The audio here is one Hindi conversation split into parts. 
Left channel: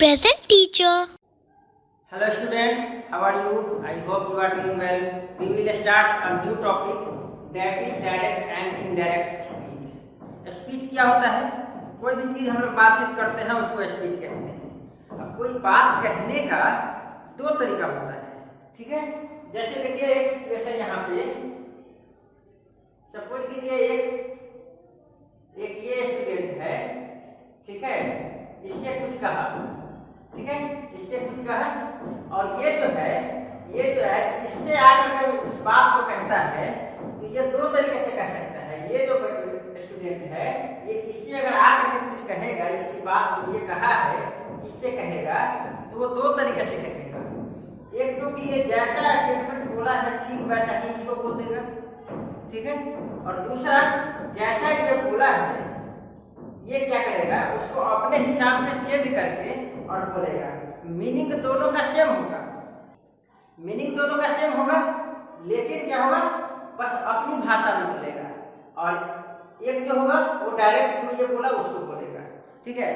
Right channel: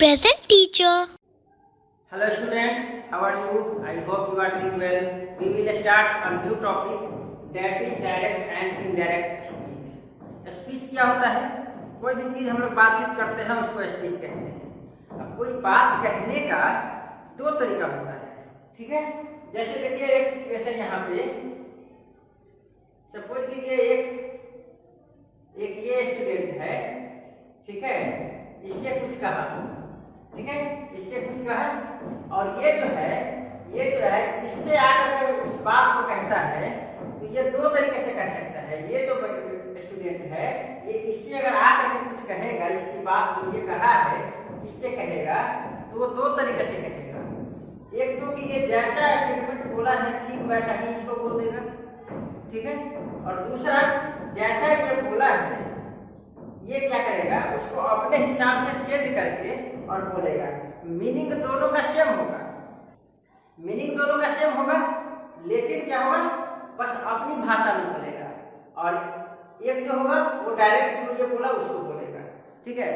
Present teacher. Hello students, how are you? I hope you are doing well. We will start a new topic that is direct and indirect speech. Speech क्या होता है? कोई भी चीज़ हम लोग बातचीत करते हैं उसको स्पीच कहते हैं। अब कोई बात कहने का दो तरीका होता है, ठीक है? जैसे देखिए एक सिचुएशन यहाँ पे, सपोज कीजिए एक ये स्टूडेंट है, ठीक है? इससे कुछ कहा, ठीक है, इससे कुछ कहा और ये जो है इससे आकर के उस बात को कहता है, तो ये दो तरीके से कह सकता है। ये जो स्टूडेंट है ये इससे अगर आकर के कुछ कहेगा, इसकी बात जो ये कहा है इससे कहेगा तो वो दो तरीके से कहेगा। एक तो कि ये जैसा स्टेटमेंट बोला है ठीक वैसा ही इसको बोल देगा, ठीक है, और दूसरा जैसा ये बोला है ये क्या करेगा, उसको अपने हिसाब से चेंज करके और बोलेगा। मीनिंग दोनों का सेम होगा, लेकिन क्या होगा, बस अपनी भाषा में बोलेगा। और एक जो होगा वो डायरेक्ट जो ये बोला उसको बोलेगा, ठीक है।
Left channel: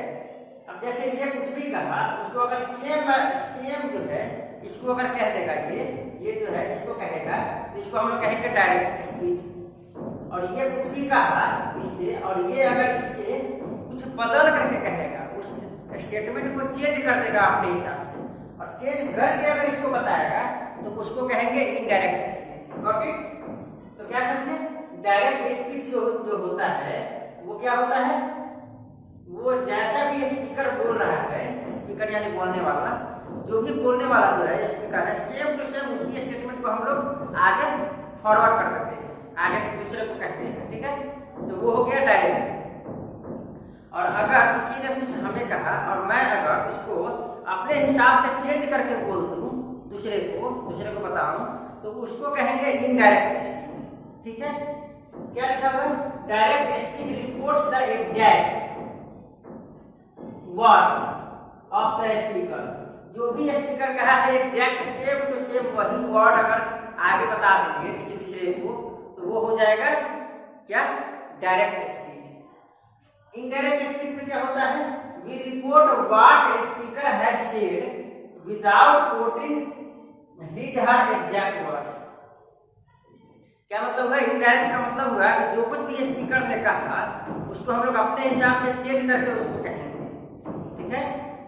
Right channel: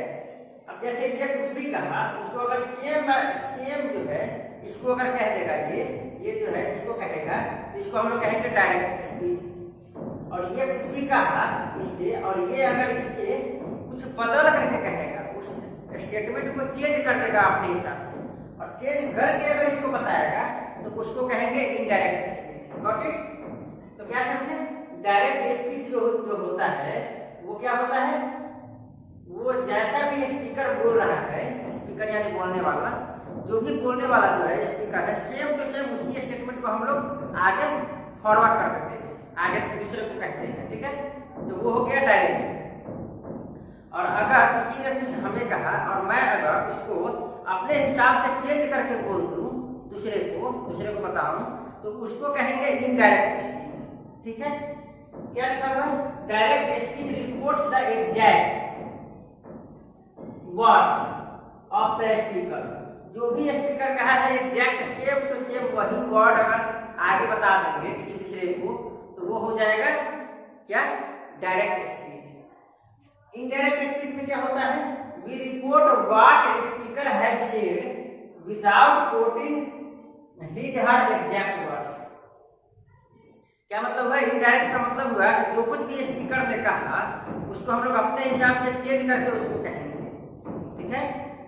अब जैसे ये कुछ भी कहा, उसको अगर सेम जो है इसको अगर कह देगा, ये जो है इसको कहेगा, तो इसको हम लोग कहेंगे डायरेक्ट स्पीच। और ये कुछ भी कहा इससे, और ये अगर इससे कुछ बदल करके कहेगा, उस स्टेटमेंट को चेंज कर देगा अपने हिसाब से, और चेंज करके अगर इसको बताएगा तो उसको कहेंगे इनडायरेक्ट स्पीच। Got it? तो क्या समझे? डायरेक्ट स्पीच जो होता है वो क्या होता है, वो जैसा भी स्पीकर बोल रहा है, स्पीकर यानी बोलने वाला, जो भी बोलने वाला जो है स्पीकर है, सेम टू सेम उसी स्टेटमेंट को हम लोग आगे फॉरवर्ड कर देते हैं, आगे दूसरे को कहते हैं, ठीक है। तो वो हो गया डायरेक्ट। और अगर किसी ने कुछ हमें कहा और मैं अगर उसको अपने हिसाब से चेंज करके बोल दूं, दूसरे को बताऊं, तो उसको कहेंगे इनडायरेक्ट स्पीच, ठीक है। क्या लिखा हुआ है? Direct speech reports the exact words of the speaker. जो भी स्पीकर कहा है एग्जैक्ट सेम टू सेम वही वर्ड अगर आगे बता देंगे किसी दूसरे को, तो वो हो जाएगा क्या, डायरेक्ट स्पीच। इनडायरेक्ट स्पीच में क्या होता है, we report what speaker has said without quoting his her exact words. क्या मतलब हुआ? इनडायरेक्ट का मतलब हुआ कि जो कुछ भी स्पीकर ने कहा उसको हम लोग अपने हिसाब से चेंज करके उसको कहेंगे, ठीक है।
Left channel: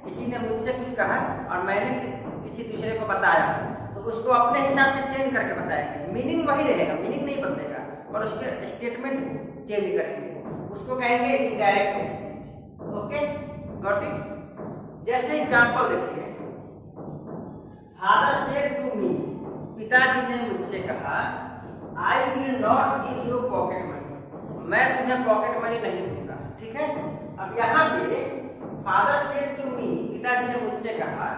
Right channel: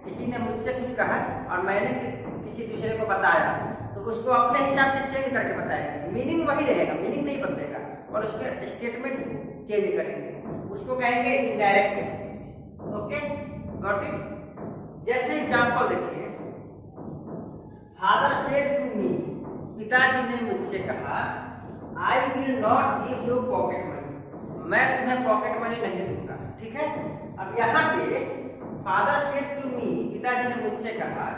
किसी ने मुझसे कुछ कहा और मैंने किसी दूसरे को बताया, तो उसको अपने हिसाब से चेंज करके बताएंगे। मीनिंग वही रहेगा, मीनिंग नहीं बदलेगा, और उसके स्टेटमेंट को चेंज करेंगे, उसको कहेंगे indirect speech. Okay, got it? जैसे एग्जांपल देखिए, फादर सेड टू मी, पिताजी ने मुझसे कहा, I will not give you pocket money, मैं तुम्हें पॉकेट मनी नहीं दूंगा, ठीक है। अब यहाँ पे फादर सेड टू मी, पिताजी ने मुझसे कहा,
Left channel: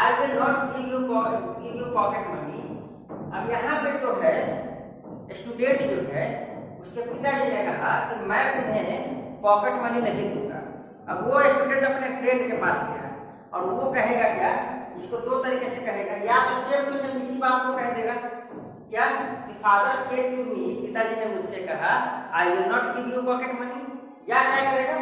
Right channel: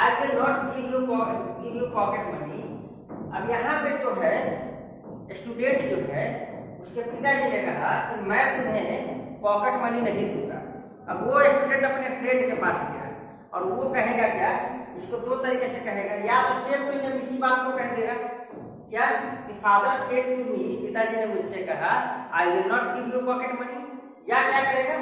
I will not give you pocket money. अब यहाँ पे जो है स्टूडेंट जो है उसके पिताजी ने कहा कि मैं तुम्हें पॉकेट मनी नहीं दूंगा। अब वो स्टूडेंट अपने फ्रेंड के पास गया और वो कहेगा क्या, इसको दो तरीके से कहेगा, या तो सेम टू सेम इसी बात को कह देगा, क्या कि फादर सेड टू मी, पिताजी ने मुझसे कहा, I will not give you pocket money, या क्या करेगा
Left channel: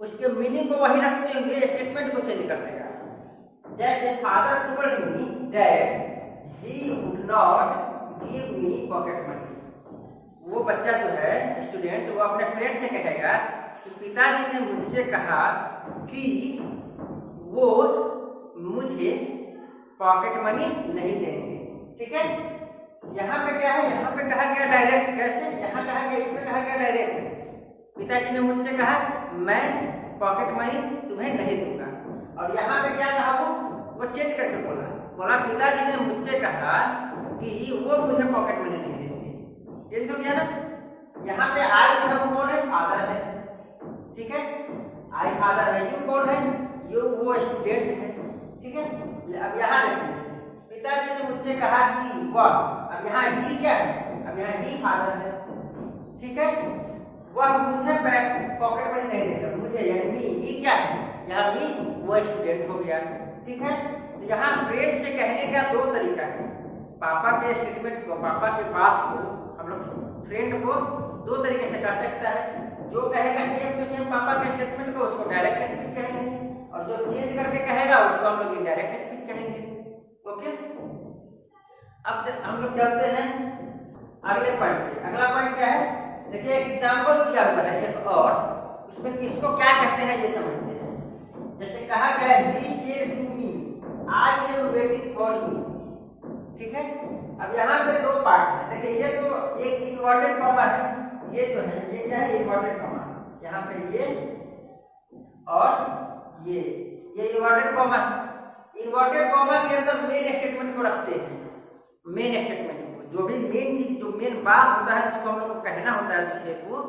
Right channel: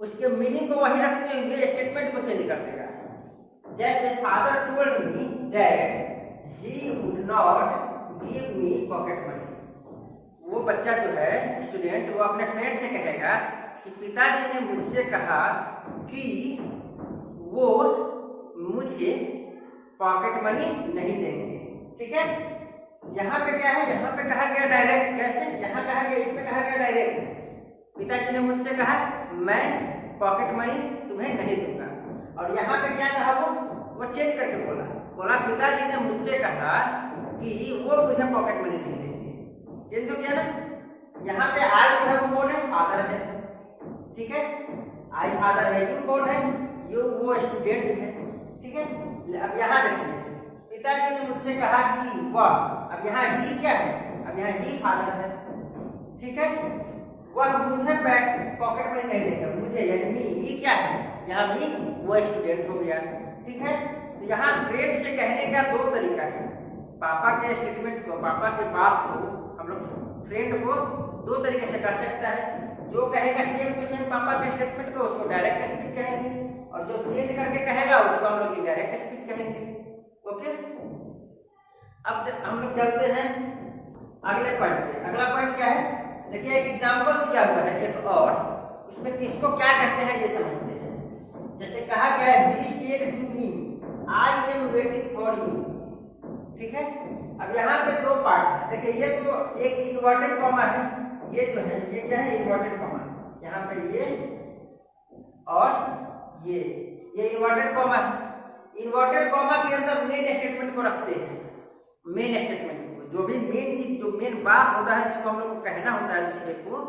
उसके मीनिंग को वही रखते हुए स्टेटमेंट को चेंज कर देगा। जैसे father told me that he would not give me pocket money. वो बच्चा जो है स्टूडेंट, वो अपने फ्रेंड से कहेगा कि पिताजी ने मुझसे कहा कि वो मुझे पॉकेट मनी नहीं देंगे, ठीक है। यहाँ पे क्या है, यहाँ पे कहा गया डायरेक्ट। कैसे? यहाँ कहा गया, इसमें कहा गया डायरेक्ट। पिताजी ने मुझसे कहा मैं पॉकेट मनी तुम्हें नहीं दूंगा, और यहाँ पे क्या कहा, वो चेंज करके बोला पिताजी ने मुझसे कहा कि वो मुझे पॉकेट मनी नहीं देंगे। चेंज हो गया ना। यहाँ पे आई जो है वो कौन है, फादर है, ठीक है, आई फादर है, यू कौन है, यू वो स्टूडेंट है, ठीक है। अब यहाँ देखिए, पिताजी ने मुझसे कहा कि वह, अब यहाँ ही क्या है, अब यहाँ ही फादर है, ठीक है, वह मुझे पॉकेट मनी नहीं देगा, मुझे यानी मी क्या है, यहाँ मी वो स्टूडेंट हो गया, ठीक है। तो यहाँ फ्रेंड से कहने का दो तरीका है। पापा के स्टेटमेंट को, पापा के बात को हम लोग फ्रेंड को दो तरीके से कर सकता है। जो कहेगा सेम टू सेम पापा के स्टेटमेंट को उसको डायरेक्ट स्पीच कहेंगे, और जो चेंज करके कहेगा उसको हम लोग इनडायरेक्ट स्पीच कहेंगे। ओके, अब हम लोग चलते हैं अगले पॉइंट पे। अगला पॉइंट क्या है, देखिए एक एग्जांपल दिया हुआ है एक, और उसमें किसको क्या कहते हैं ये समझते हैं। जैसे कहा गया है he said to me I am waiting for you, ठीक है। अब यहाँ पे दो पार्ट है, देखिए ये तो एक इन्वर्टेड कॉमा है, ये जो है ये क्या है इन्वर्टेड कॉमा, यहाँ पे ये और ये इन्वर्टेड कॉमा है। इन्वर्टेड कॉमा के अंदर मेन स्टेटमेंट को रखते हैं, मेन स्टेटमेंट को, जो भी मेन चीज जो मेन बात होता है जिसको हम लोग को कहना होता है दूसरे को,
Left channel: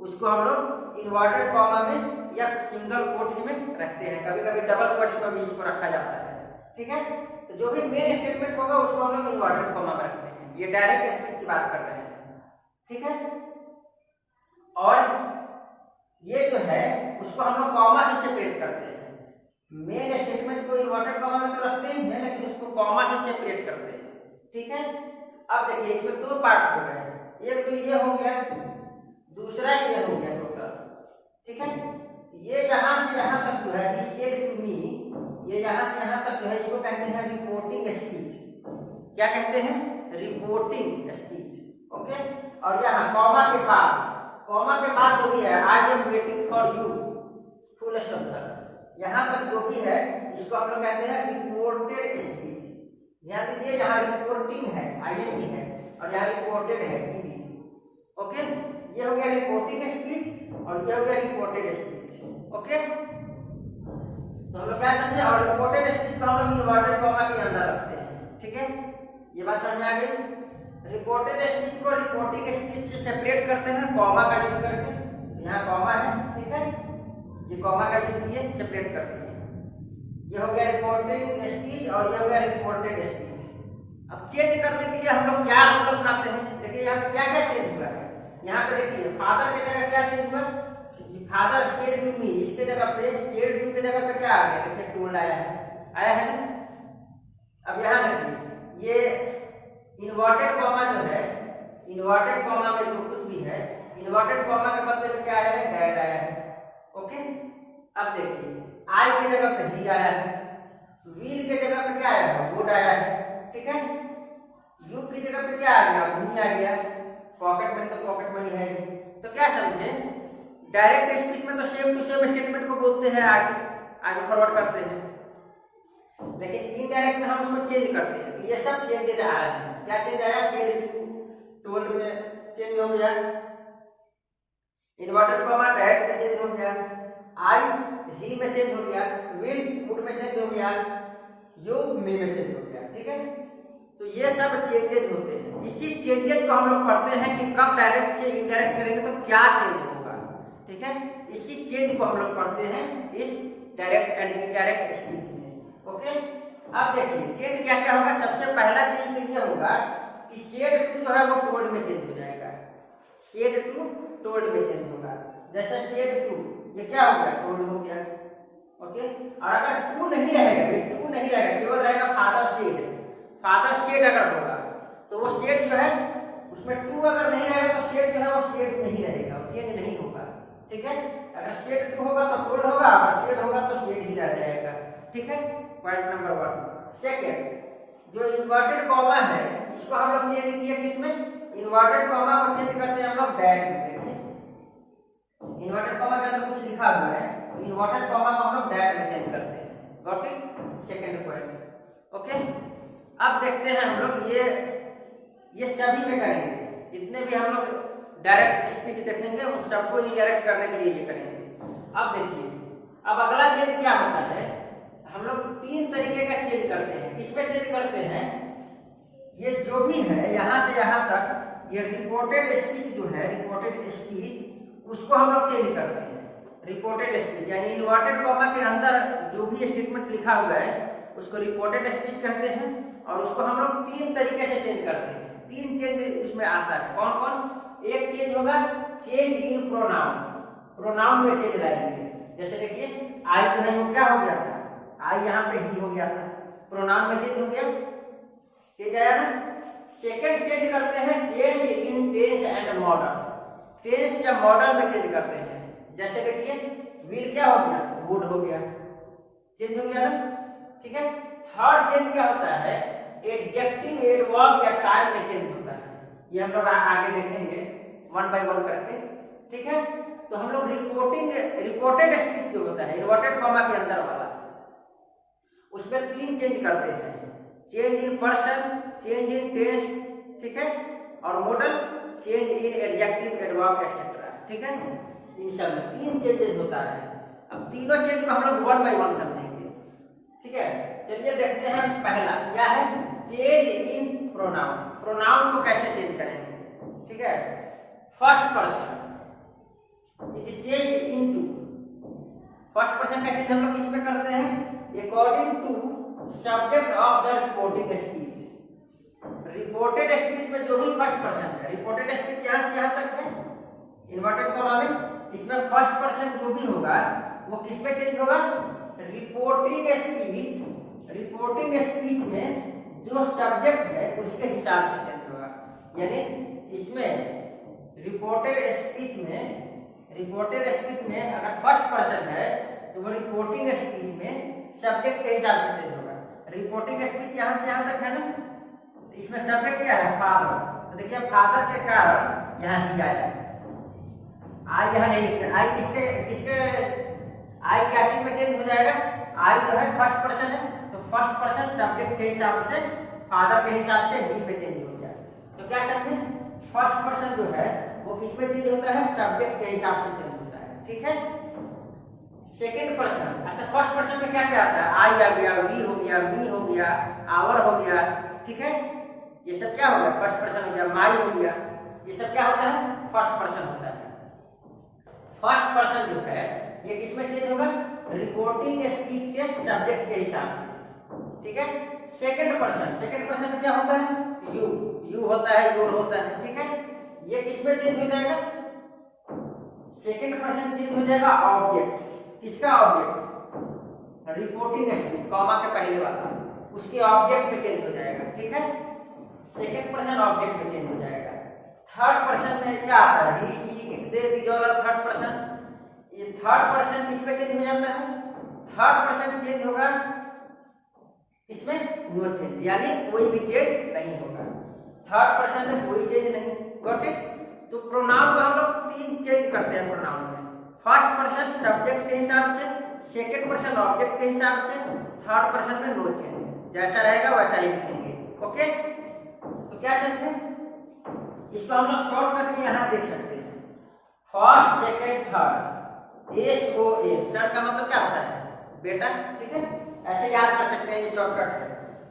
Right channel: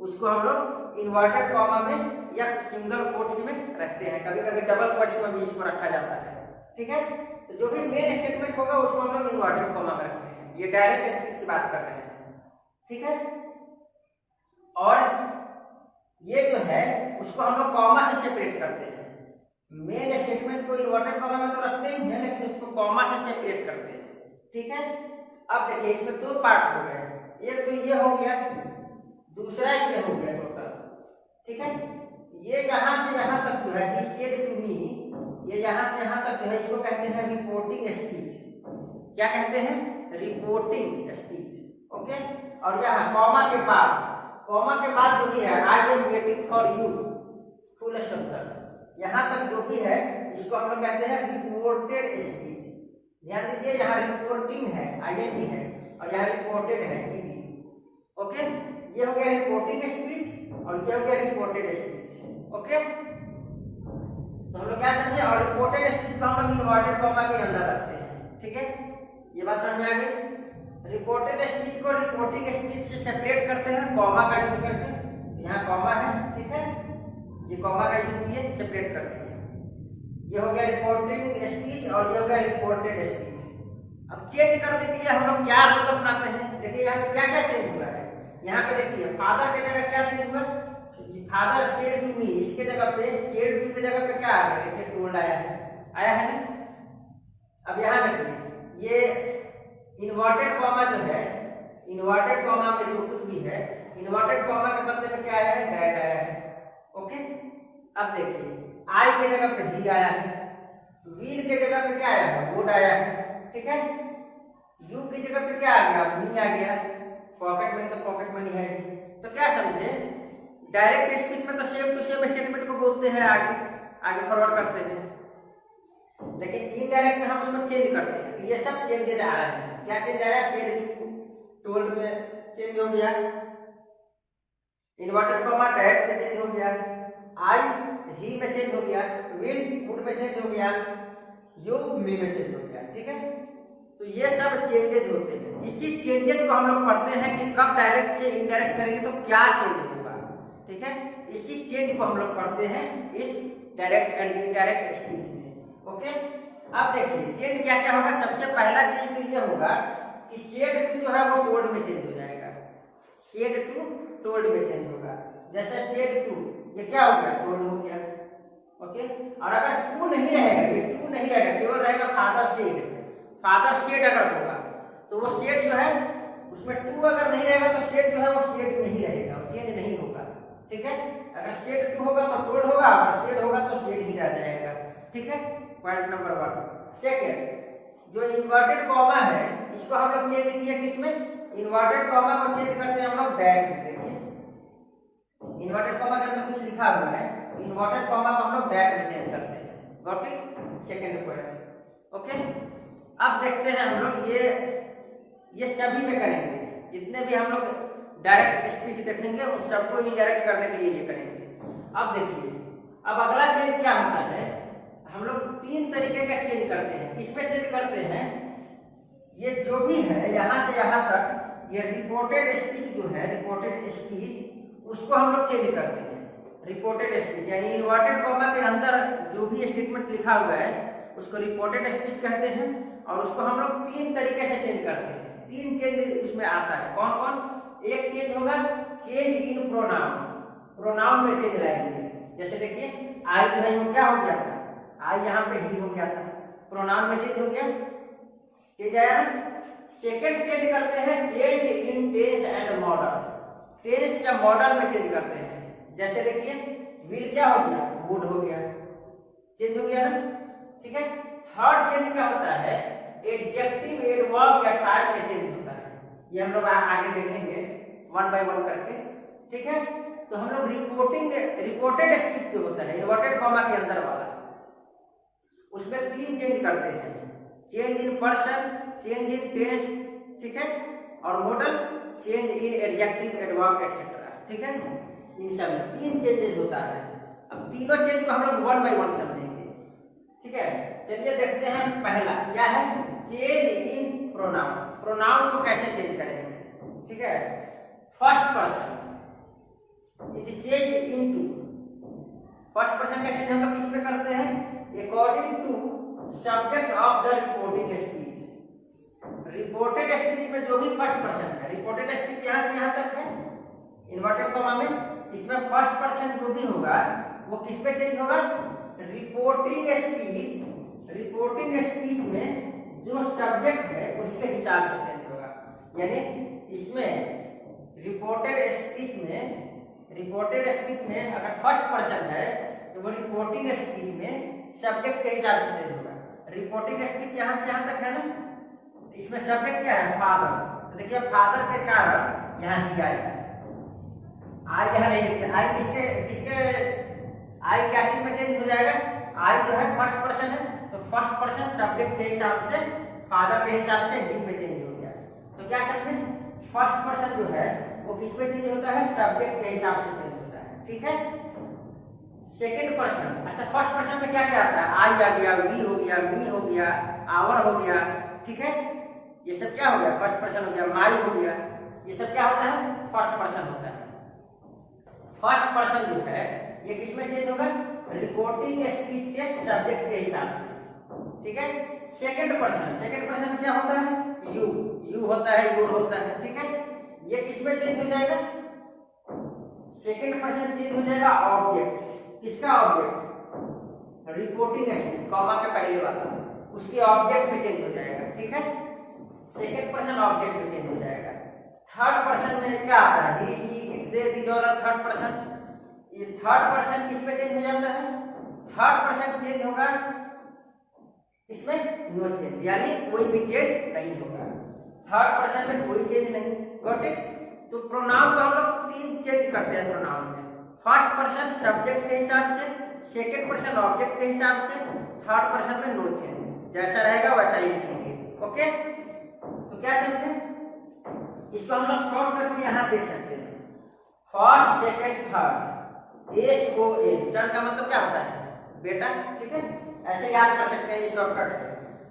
उसको हम लोग इन्वर्टेड कॉमा में या सिंगल कोट्स में रखते हैं, कभी कभी डबल कोट्स में भी इसको रखा जाता है, ठीक है। तो जो भी मेन स्टेटमेंट होगा उसको हम लोग इन्वर्टेड कॉमा में रखते हैं। ये डायरेक्ट स्पीच की बात कर रहे हैं, ठीक है। और ये जो है उसको हम लोग कॉमा से सेपरेट करते हैं। मेन स्टेटमेंट को इन्वर्टेड कॉमा में तो रखते ही हैं, लेकिन इसको कॉमा से सेपरेट करते हैं, ठीक है। अब देखिए इसमें दो पार्ट हो गए, एक तो ये हो गया, दूसरा ये हो गया टोटल, ठीक है। ये यहाँ से यहाँ तक जो है ही सेड टू मी, ये यहाँ से यहाँ तक जो है इसको कहते हैं रिपोर्टिंग स्पीच। क्या कहते हैं, रिपोर्टिंग स्पीच, ओके। और यहाँ कॉमा के बाद जो भी है आई am waiting for you full stop तक, यहाँ तक जो भी है इसको हम लोग कहते हैं रिपोर्टेड स्पीच। ध्यान दीजिए यहाँ रिपोर्टिंग है आईएनजी है, और यहाँ रिपोर्टेड है ईडी, ओके। ये हो गया रिपोर्टिंग स्पीच और ये हो गया रिपोर्टेड स्पीच, ओके। तो हम लोग क्या समझे, और रिपोर्टेड स्पीच को हम लोग इन्वर्टेड कॉमा के अंदर रखते हैं, ठीक है। ये बात समझ में आ गई। रिपोर्टेड स्पीच को रिपोर्टिंग स्पीच से सेपरेट करते हैं कॉमा का यूज करके, तो यहाँ कॉमा है, ठीक है, ये कॉमा का यूज किए सेपरेट कर दिए। ये हो गया रिपोर्टिंग स्पीच और ये हो गया रिपोर्टेड स्पीच। अब चेंज कर देती है, हम लोग क्या रूल अपनाते हैं, देखिए यहाँ पे क्या क्या चेंज हुआ है। यहाँ पे देखिए फादर की जगह क्या चेंज हुआ, फादर सेड टू मी, इसके जगह पे सेड टू की जगह पे क्या आ गया, देखिए टोल्ड आया है ना। अब यहाँ देखिए ये इन्वर्टेड कॉमा जो है, इन्वर्टेड कॉमा में जो कुछ भी है, इन्वर्टेड कॉमा के बदले में क्या आया है, डैट आया है, ओके। अब देखिए आई के जगह पे ही आया है, वील के जगह पे क्या आया है, वुड आया है, ठीक है। यू की जगह पे क्या आ गया, मी आ गया। पॉकेट मनी तो पॉकेट मनी है। तो क्या समझे, डायरेक्ट स्पीच में तो सेम टू सेम स्टेटमेंट को बोलते हैं, आगे फॉरवर्ड करते हैं, लेकिन इनडायरेक्ट में हम उसको चेंज करते हैं। तो ये सब चेंजेस आ रहे हैं। क्या चेंज आया, सेड टू टोल्ड में चेंज हो गया, इन्वर्टेड कॉमा डैट में चेंज हो गया, आई ही में चेंज हो गया, विल वुड में चेंज हो गया, यू मी में चेंज हो गया, ठीक है। तो ये सब चेंजेस होते हैं। इसी चेंजेस को हम लोग पढ़ते हैं कि कब डायरेक्ट से इनडायरेक्ट करेंगे तो क्या चेंज होगा, ठीक है। इसी चेंज को हम लोग पढ़ते हैं इस डायरेक्ट एंड इनडायरेक्ट स्पीच में, ओके। अब देखिए चेंज क्या क्या होगा। सबसे पहला चेंज तो ये होगा कि सेड टू जो है वो टोल्ड में चेंज हो जाएगा, सेड टू टोल्ड में चेंज होगा। जैसे सेड टू ये क्या हो गया, टोल्ड हो गया, ओके। और अगर टू नहीं रहेगा, ये टू नहीं रहेगा, केवल रहेगा फादर सेड, फादर सेड अगर होगा तो वो सेड जो है उसमें टू अगर नहीं रहेगा तो सेड जो है वो सेड नहीं रहेगा, वो चेंज नहीं होगा, ठीक है। अगर सेड टू होगा तो टोल्ड होगा, और सेड होगा तो सेड ही रह जाएगा, ठीक है। Point number 1। सेकेंड, जो इन्वर्टेड कॉमा है इसको हम लोग चेंज किए किसमें, इन्वर्टेड कॉमा को चेंज करते हैं हम लोग डैट में। देखिए इन्वर्टेड कॉमा के अंदर कुछ लिखा हुआ है, तो इन्वर्टेड कॉमा को हम लोग डैट में चेंज करते हैं। Got it, second point, okay. अब देखते हैं हम लोग ये सभी में करेंगे, जितने भी हम लोग डायरेक्ट स्पीच देखेंगे उन सबको इनडायरेक्ट करने के लिए ये करेंगे। अब देखिए अब अगला चेंज क्या होता है, हम लोग 3 तरीके का चेंज करते हैं। किसमें चेंज करते हैं, ये जो भी है यहाँ से यहाँ तक, ये रिपोर्टेड स्पीच जो है, रिपोर्टेड स्पीच उसको हम लोग चेंज करते हैं। रिपोर्टेड स्पीच यानी इन्वर्टेड कॉमा के अंदर जो भी स्टेटमेंट लिखा हुआ है उसको रिपोर्टेड स्पीच कहते हैं, और उसको हम लोग 3 तरीके से चेंज करते हैं। 3 चेंज उसमें आता है। कौन कौन, एक चेंज होगा चेंज इन प्रोनाउन, प्रोनाउन में चेंज लाएंगे। जैसे देखिए आई जो है वो क्या हो गया था, आई यहाँ पे ही हो गया था, प्रोनाउन में चेंज हो गया, चेंज आया ना। सेकंड चेंज करते हैं change in tense and modal. Tense या मॉडल में चेंज करते हैं। जैसे देखिए विल क्या हो गया, वुड हो गया, चेंज हो गया ना, ठीक है। थर्ड चेंज क्या होता है, एडजेक्टिव, एडवर्ब या टाइप में चेंज होता है। ये हम लोग आगे देखेंगे वन बाय वन करके, ठीक है। तो हम लोग रिपोर्टेड स्पीच जो होता है इन्वर्टेड कॉमा के अंदर वाला, उसमें 3 चेंज करते हैं, change in person, change in tense, ठीक है, और modal, change in adjective, adverb etcetera, ठीक है। इन सब में 3 चेंजेस होता है। अब तीनों चेंज को हम लोग वन बाय वन समझेंगे, ठीक है। चलिए देखते हैं पहला क्या है, चेंज इन प्रोनाउन। प्रोनाउन को कैसे चेंज करेंगे, ठीक है। First person it is change into, first person का चेंज हम लोग किस में करते हैं, according to subject of the reporting speech. Reported speech में जो भी फर्स्ट पर्सन है, रिपोर्टेड स्पीच यहां से यहां तक है इन्वर्टेड कॉमा में, इसमें फर्स्ट पर्सन जो भी होगा वो किस पे चेंज होगा, रिपोर्टिंग स्पीच। रिपोर्टिंग स्पीच में जो सब्जेक्ट है उसके हिसाब से चेंज होगा। यानी इसमें रिपोर्टेड स्पीच में अगर फर्स्ट पर्सन है तो वो रिपोर्टिंग स्पीच में सब्जेक्ट के हिसाब से चेंज होगा। रिपोर्टिंग स्पीच यहां से यहां तक है ना, इसमें सब्जेक्ट क्या है, फादर, तो देखिए फादर के कारण यहाँ ही आएगा, आई यहाँ नहीं लिखते, आई किसके आई क्या चीज में चेंज हो जाएगा, आई जो है फर्स्ट पर्सन है तो फर्स्ट पर्सन सब्जेक्ट के हिसाब से, फादर के हिसाब से ही पे चेंज हो गया। तो क्या समझे, फर्स्ट पर्सन जो है वो किस में चेंज होता है, सब्जेक्ट के हिसाब से चेंज होता है, ठीक है। सेकेंड पर्सन, अच्छा फर्स्ट पर्सन में क्या क्या आता है, आई आ गया, वी हो गया, मी हो गया, आवर हो गया, ठीक है। ये सब क्या हो गया, फर्स्ट पर्सन हो गया, माई हो गया, ये सब क्या होता है, फर्स्ट पर्सन होता है। फर्स्ट पर्सन जो है ये किसमें चेंज होगा, रिपोर्टिंग स्पीच के सब्जेक्ट के हिसाब से, ठीक है। सेकंड पर्सन में क्या होता है, यू होता है, योर होता है, ठीक है। ये किसमें चेंज हो जाएगा, सेकंड पर्सन चेंज हो जाएगा ऑब्जेक्ट, किसका ऑब्जेक्ट, रिपोर्टिंग स्पीच कॉमा के पहले वाला, उसके ऑब्जेक्ट में चेंज हो जाएगा, ठीक है। सेकंड पर्सन ऑब्जेक्ट में चेंज हो जाएगा। थर्ड पर्सन में क्या आता है, he, she, it, they, these all are third person. ये थर्ड पर्सन किस पे चेंज हो जाता है, थर्ड पर्सन चेंज होगा इसमें नो चेंज, यानी कोई भी चेंज नहीं होगा, थर्ड पर्सन में कोई चेंज नहीं, गॉट इट। तो प्रोनाउन को हम लोग 3 चेंज करते हैं प्रोनाउन में, फर्स्ट पर्सन सब्जेक्ट के हिसाब से, सेकंड पर्सन ऑब्जेक्ट के हिसाब से, थर्ड पर्सन में नो चेंज, जैसा रहेगा वैसा ही लिखेंगे, ओके। तो क्या समझे, इसको हम लोग शॉर्टकट में यहाँ देख सकते हैं, फर्स्ट सेकंड थर्ड, SON, सन का मतलब क्या होता है, बेटा, ठीक है। ऐसे याद कर सकते हैं, ये शॉर्टकट है।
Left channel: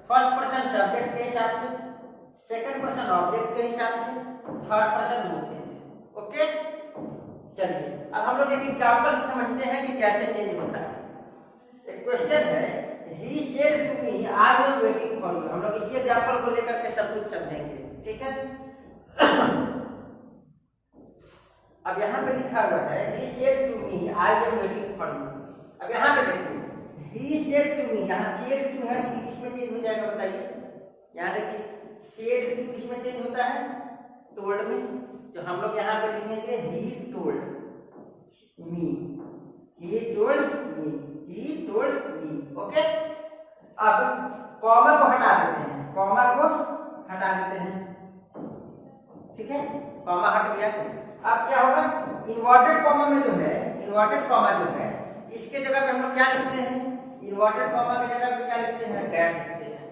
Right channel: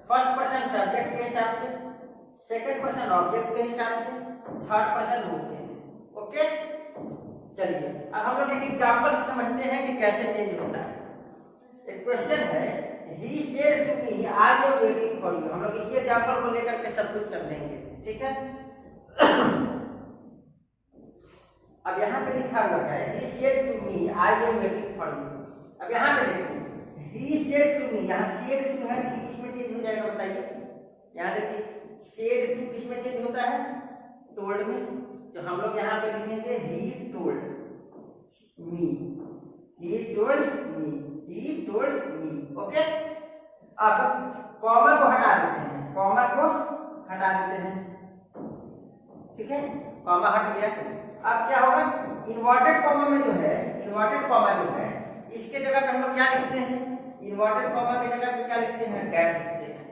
फर्स्ट पर्सन सब्जेक्ट के हिसाब से, सेकंड पर्सन ऑब्जेक्ट के हिसाब से, third person no change, okay. चलिए अब हम लोग एक एग्जांपल समझते हैं कि कैसे चेंज होता है। एक क्वेश्चन है, he said to me I am waiting for you. हम लोग इसी एग्जांपल को लेकर के सब कुछ समझेंगे, ठीक है। अब यहाँ पे लिखा हुआ है, he said to me I am waiting for you। अब यहाँ पे देखिए, he said to me, यहाँ said to है, he किस में चेंज हो जाएगा बताइए, यहाँ देखिए said to किस में चेंज होता है, told में, तो हम लोग यहाँ पे लिखेंगे he told me, he told me, he told me, okay. अब कॉमा को हटा देते हैं, ठीक है, कॉमा हट गया। अब क्या होगा, इन्वर्टेड कॉमा में जो है, इन्वर्टेड कॉमा जो है इसके जगह पे हम लोग क्या लिखते हैं, इन्वर्टेड कॉमा की जगह पे क्या लिखते हैं, डैट लिखते हैं।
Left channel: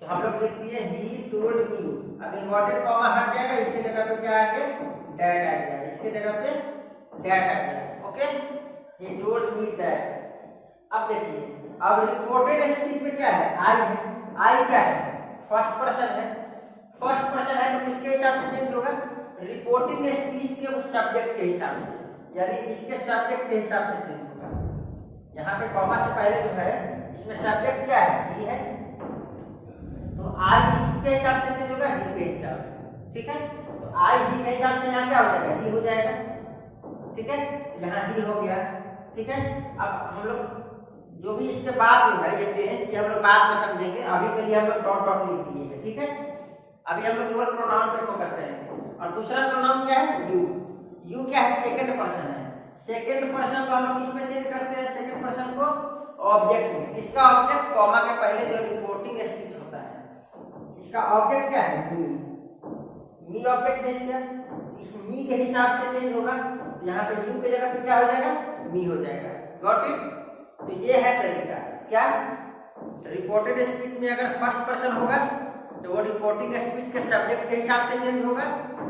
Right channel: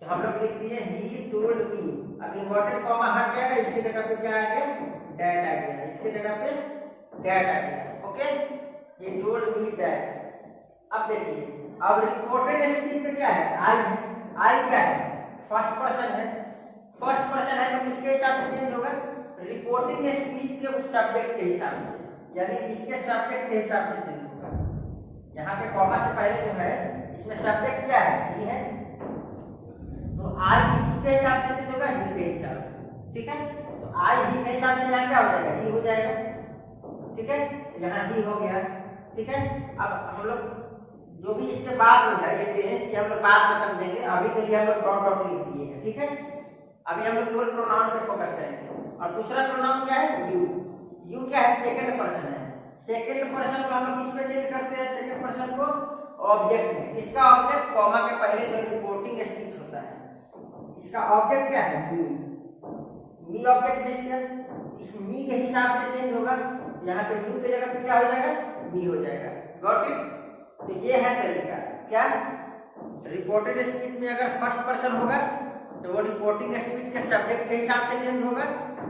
तो हम लोग लिख दिए ही टोल्ड मी, अब इन्वर्टेड कॉमा हट जाएगा, इसके जगह पे क्या आ गया, डैट आ गया, इसके जगह पे डैट आ गया, okay. He told me that. अब देखिए, अब रिपोर्टेड स्पीच में क्या है, आई है, आई क्या है, फर्स्ट पर्सन है, फर्स्ट पर्सन है तो किसके हिसाब से चेंज होगा, रिपोर्टिंग स्पीच के सब्जेक्ट के हिसाब से, यानी इसके सब्जेक्ट के हिसाब से चेंज होगा। यहाँ पे कॉमा से पहले जो है इसमें सब्जेक्ट क्या है, ही है, तो आई किसके हिसाब से चेंज होगा, ही के हिसाब से, ठीक है। तो आई ही के हिसाब से यहाँ क्या हो जाएगा, ही हो जाएगा, ठीक है। यहाँ ही हो गया, ठीक है। अब हम लोग जो भी इसके बाद में है ये टेंस, ये हम लोग बाद में समझेंगे, अभी के लिए हम लोग डॉट डॉट लिख दिए हैं, ठीक है। अभी हम लोग केवल प्रोनाउन पे फोकस करेंगे। और दूसरा प्रोनाउन क्या है, यू क्या है, सेकंड पर्सन है। सेकंड पर्सन को हम किस में चेंज करते हैं, सेकंड पर्सन को ऑब्जेक्ट में। किसका ऑब्जेक्ट, कॉमा के पहले जो रिपोर्टिंग स्पीच होता है, इसका ऑब्जेक्ट क्या है, मी। मी ऑब्जेक्ट है इसका, इस मी के हिसाब से चेंज होगा। यहाँ पे यू की जगह पे क्या हो जाएगा, मी हो जाएगा। Got it. तो ये है तरीका। क्या, रिपोर्टेड स्पीच में अगर फर्स्ट पर्सन होगा तो वो रिपोर्टिंग स्पीच के सब्जेक्ट के हिसाब से चेंज होगा,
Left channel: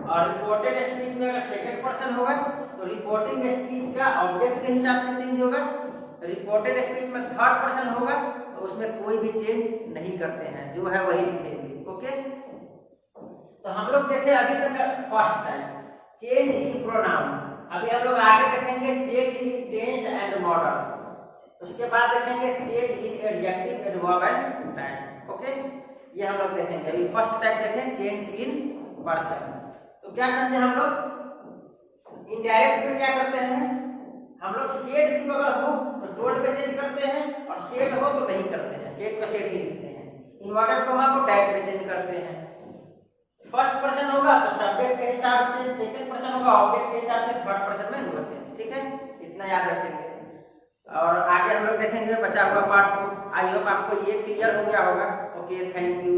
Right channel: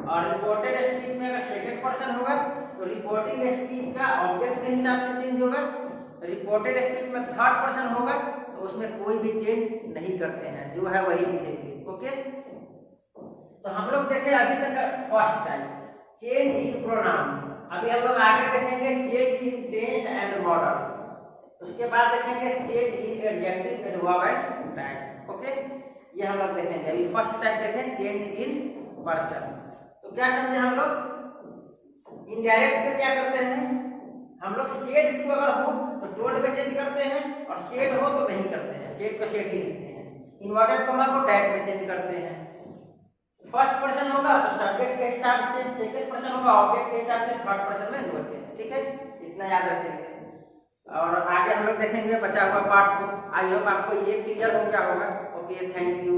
और रिपोर्टेड स्पीच में अगर सेकंड पर्सन होगा तो रिपोर्टिंग स्पीच का ऑब्जेक्ट के हिसाब से चेंज होगा। रिपोर्टेड स्पीच में थर्ड पर्सन होगा तो उसमें कोई भी चेंज नहीं करते हैं, जो है वही लिखेंगे। ओके, तो हम लोग देखे अभी तक first time change in pronoun. अभी हम लोग आगे देखेंगे change in tense and modal, उसके बाद देखेंगे change in adjective, adverb and time. Okay, ये हम लोग देखेंगे। अभी फर्स्ट टाइप देखें चेंज इन पर्सन। तो क्या समझे हम लोग, इनडायरेक्ट में क्या करते हैं हम लोग, सेड टू अगर हो तो टोल्ड में चेंज करते हैं, और सेड हो तो नहीं करते हैं, सेड को सेड ही लिखते हैं। इन्वर्टेड कॉमा को डैट में चेंज करते हैं। फर्स्ट पर्सन होगा तो सब्जेक्ट के हिसाब से, सेकंड पर्सन होगा ऑब्जेक्ट के हिसाब से, थर्ड पर्सन में नो चेंज। ठीक है, इतना याद रखेंगे। और आगे हम लोग देखेंगे बचा हुआ पार्ट को। आई होप आपको ये क्लियर हो गया होगा। Okay, thank you.